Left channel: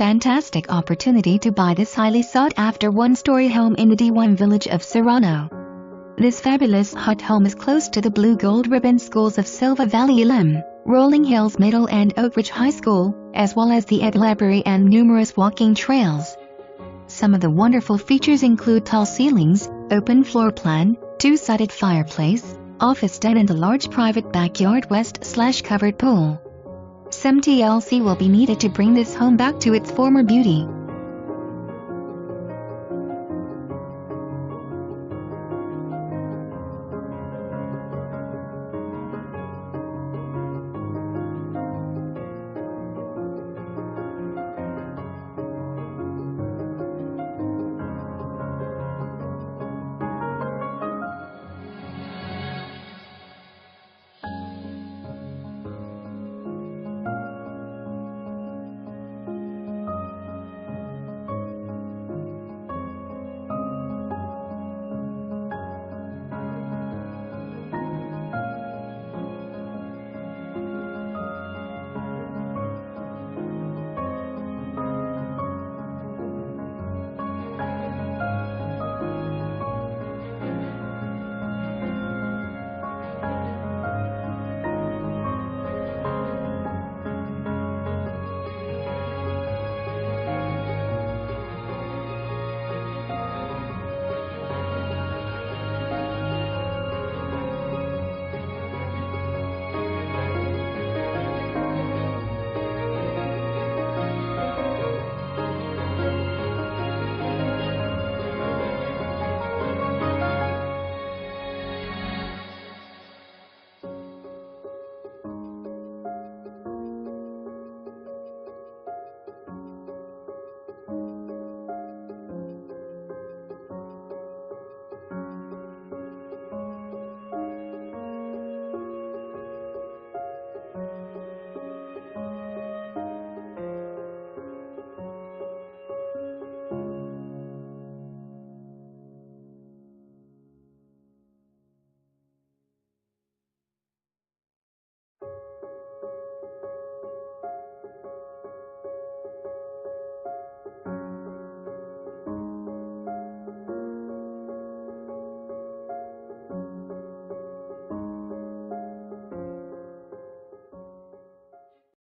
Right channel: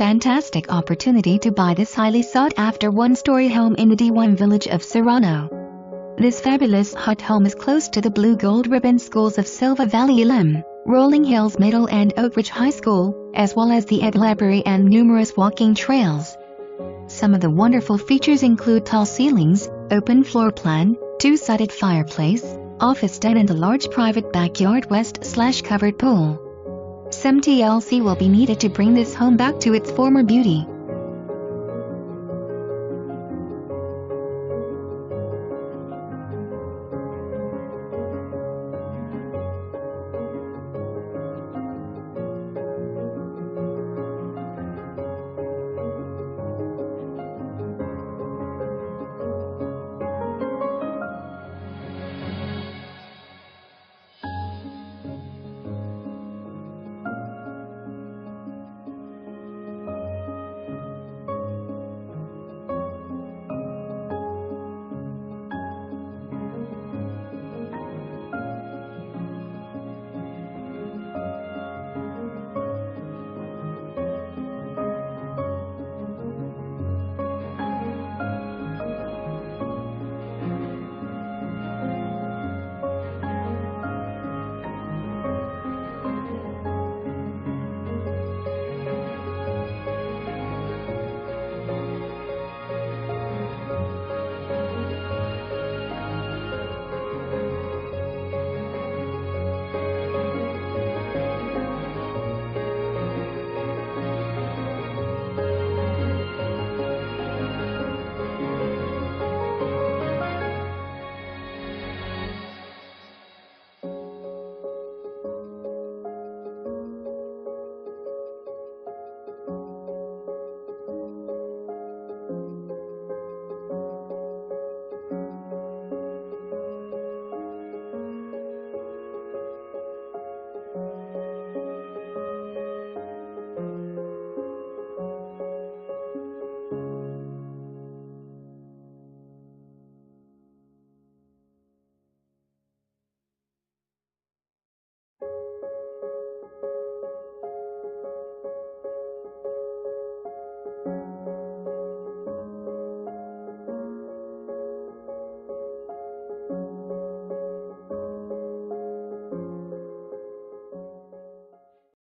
fantastic opportunity to buy this highly sought-after one-story home in the D1 Village of Serrano. This fabulous HUD home is close to the Blue Gold Ribbon schools of Silva Valley Elem, Rolling Hills Middle and Oak Ridge High School, as well as the EDH Library and numerous walking trails. Some of the wonderful features include tall ceilings, open floor plan, two-sided fireplace, office den and a large private backyard west/covered pool. Some TLC will be needed to bring this home back to its former beauty.